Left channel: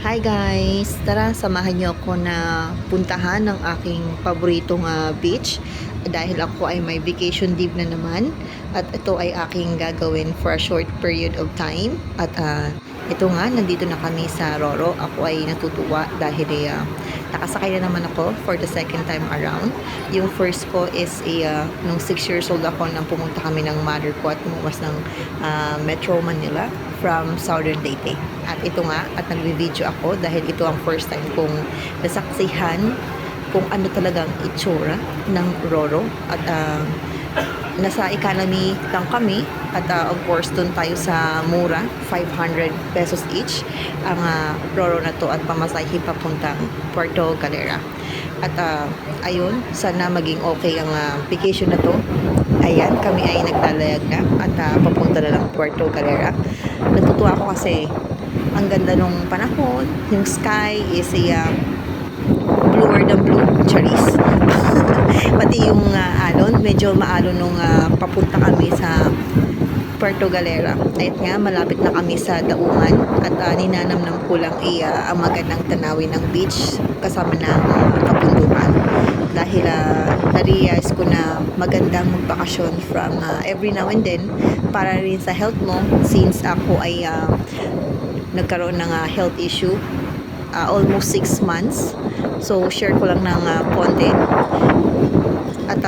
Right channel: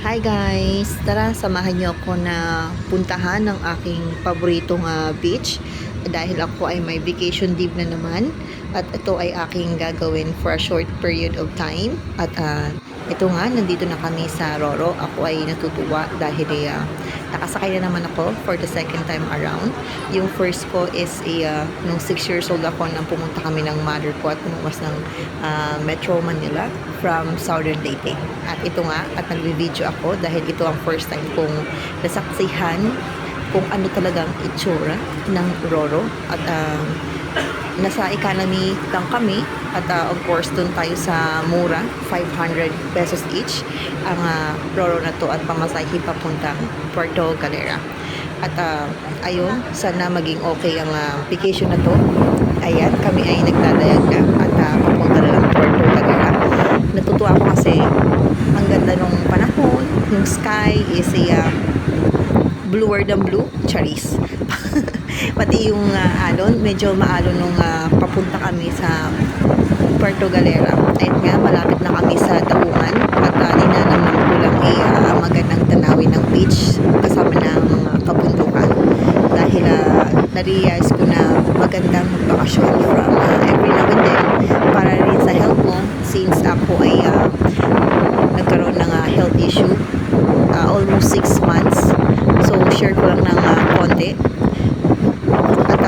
Hi guys! Tara, samahan niyo ako na puntahan ng aking paboritong beach dahil ako ay may vacation leave na naman at ito ay aking gagawin for a short period of time at ito nga, nandito na kami sa Roro. Ako ay natutuwa dahil nakasakay na naman ako for the second time around. Yung first ko is nung 6 years old ako nang pumunta kami ng mother ko at tumuwas ng Metro Manila from Southern Leyte. At ito nga, at nagbi-video ako dahil ito ang first time kong nasaksihan kung ano talagang itsura ng Roro. At nasa economy lang kami at of course dun tayo sa mura, 500 pesos each ang Roro na to at pamasahe papuntang Puerto Galera. At ayun, sana maging okay ang vacation na to. Ayan, kami ay naglalayag na at papunta na lang Puerto Galera. Natutuwa ako kasi ang ganda nung panahon, yung sky is bluer than blue, charis. Pati yung alon, medyo maalon nung papunta kami sa Puerto Galera. At nga, malapit na kami sa Daungan at ninanamnam ko lang ang magandang tanawin ng beach kasama ng kabundukan. Dahil na-realize ko na magandang magbakasyon from every now and then para rin sa health mo since ako ay nagkaroon ng health issue almost 6 months. So, share ko lang ng konti. At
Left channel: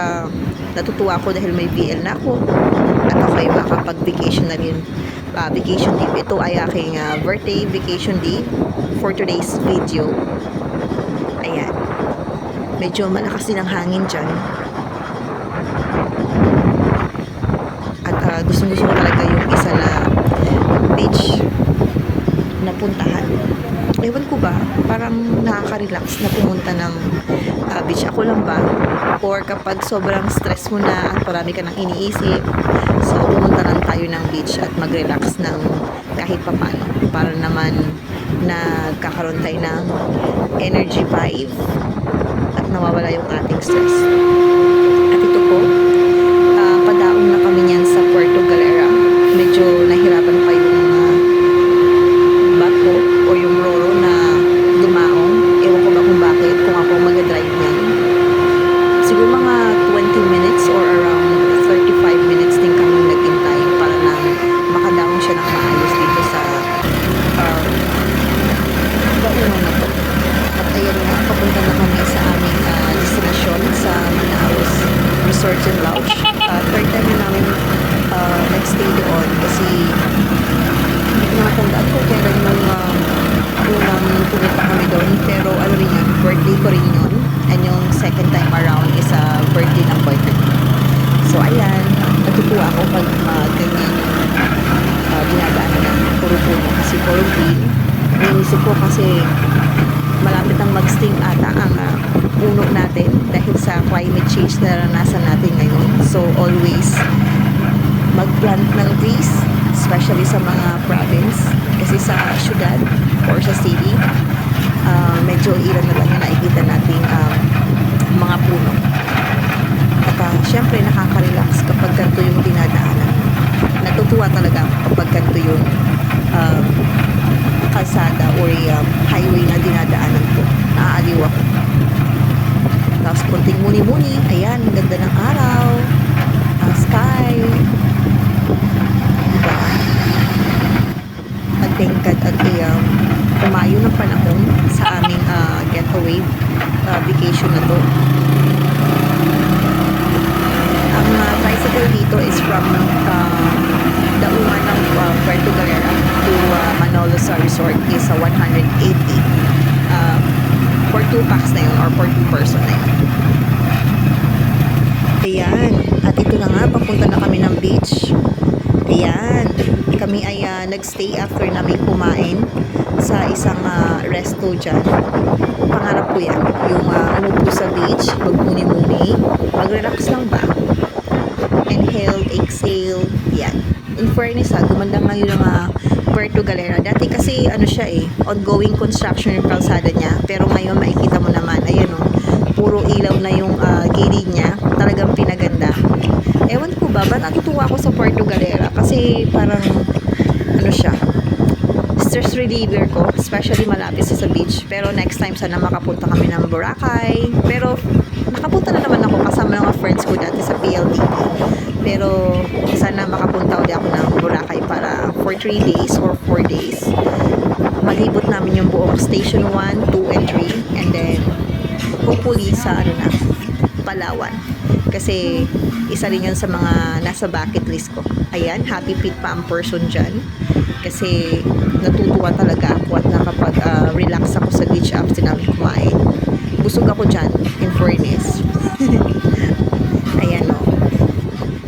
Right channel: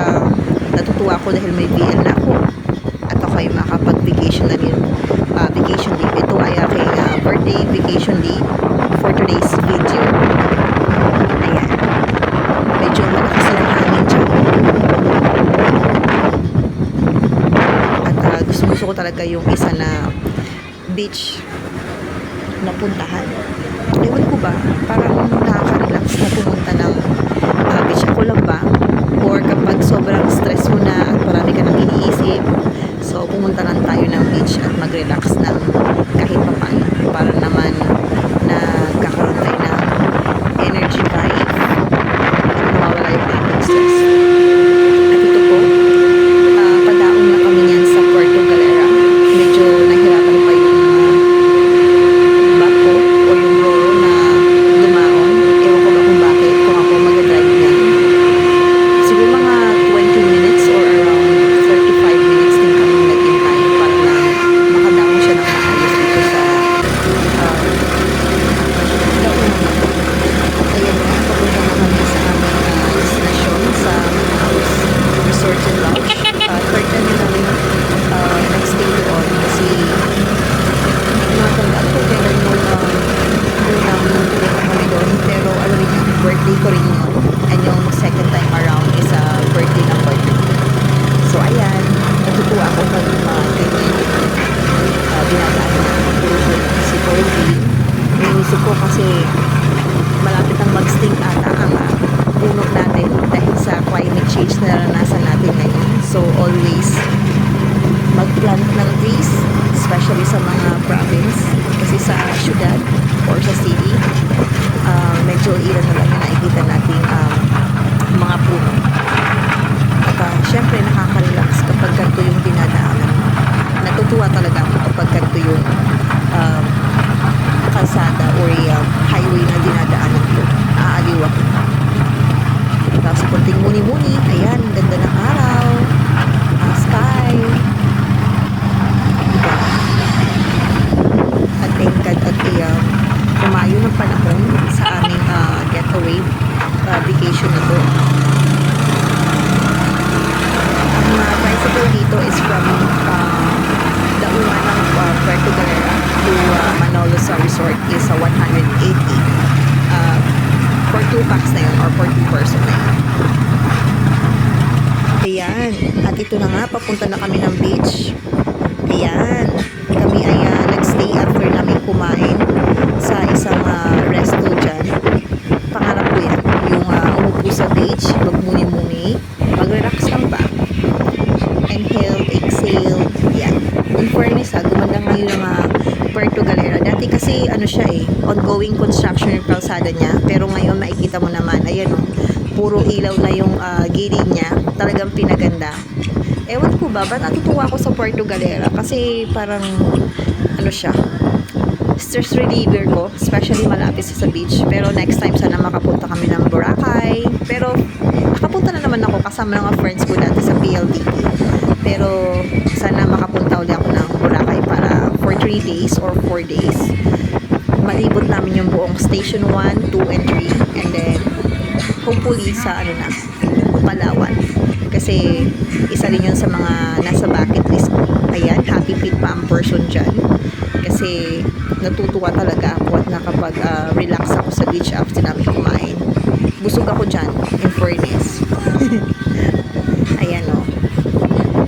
natutuwa ako dahil may BL na ako. At ako ay makapag-vacation na rin. Vacation leave. Ito ay aking birthday vacation leave for today's video. Ayan. Medyo malakas ng hangin dyan. At gusto ko talaga yung isa na beach na puntahan. Ewan ko ba, parang nakaka-relax na pumunta ng beach. Ako lang ba? Or kapag sobrang stress mo na at marami ka nang iniisip, so pumunta lang tayo ng beach at mag-relax ng kahit papaano para naman nagkakaroon tayo ng energy vibe at nawawala yung ating stress. At ito po, padaong na kami niyan sa Puerto Galera. Medyo nahirapan pa yung bako o yung Roro na dumaong. Ewan ko ba kung bakit, kung ako mag-drive niyan. Siguro mga 20 minutes or around 35 minutes din kami naghintay para lang makadaong siya ng maayos dito sa Daungan na po. At ayan nga, papunta na kami sa aming destinasyon sa Manaus Resort and Lodge. Third time na namin nag-stay doon kasi nakatandaan ko kailan nung unang pumunta kami doon, pero ano rin yun, birthday ko rin yun, and yung second time around is birthday ng boyfriend ko. So ayan, natutuwa ako pag ganyan yung dinadaan na puro puno kasi puro green. Inisip ko kasi malapit ang mag-sting ata ang puno natin dahil sa climate change na naranasan natin ngayon. So always mag-plant ng trees, especially sa mga province, kasi sa syudad or sa city medyo ilan na lang yung nakikita nating mga puno. At syempre nakaka-relax kapag ganito yung dinadaanan. Natutuwa talaga ako kapag ganito yung kalsada or highway na dinadaanan ko. Naaaliw ako. Tapos konting muni-muni, ayan, ganda ng araw, sky, diba? At thank God at umayo ng panahon sa aming getaway vacation na to. Ang tricycle dito is from Daungan ng Puerto Galera to Manolos Resort is 180 for 2 packs na yun or for 2 person na yun. Ayan, at ito na nga, papunta na kami ng beach. Ayan, kami ay nagstay after namin kumain sa isang resto dyan. Pangarap ko yan, yung umupo sa beach, magmuni-muni, mag-relax lang ba? Inhale, exhale, yan. In fairness gumanda ngayon ng Puerto Galera. Dati kasi ano siya ongoing construction yung kalsada niya, pero ngayon makikita mo naman, ayan puro ilaw na yung gilid niya, talagang pinaganda. Ewan ko ba, ba't natutuwa ako sa Puerto Galera? Kasi parang ano siya, stress reliever ko, especially malapit sa beach. Pero next time sana makapunta kami ng Boracay. Pero nakapunta na naman ako kasama ng mga friends ko dati sa PLDT. Pero sana makapunta ulit ako ng Boracay para for 3 days or 4 days. Malibot namin yung buong Station 1, 2, and 3. And then, hopefully sa Palawan. Kasi isa rin yun sa mga nasa bucket list ko. Ayan, happy feet pa ang person dyan. Kasi natutuwa talaga ako at nakapag-relax ako sa beach after namin kumain. Busog ako dyan, in fairness. Ayan o.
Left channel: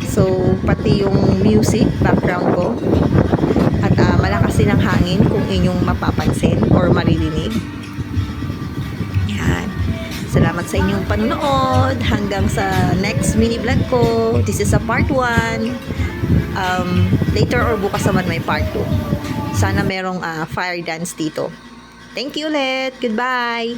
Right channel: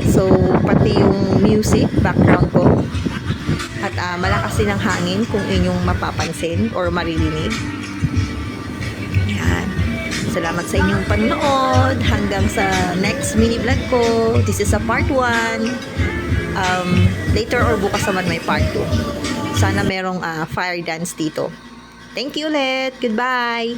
So, pati yung music, background ko. At malakas din ang hangin kung inyong mapapansin or maririnig. Yan. Salamat sa inyong panonood. Hanggang sa next mini vlog ko. This is a part 1. Later or bukas naman may part 2. Sana merong fire dance dito. Thank you ulit. Goodbye.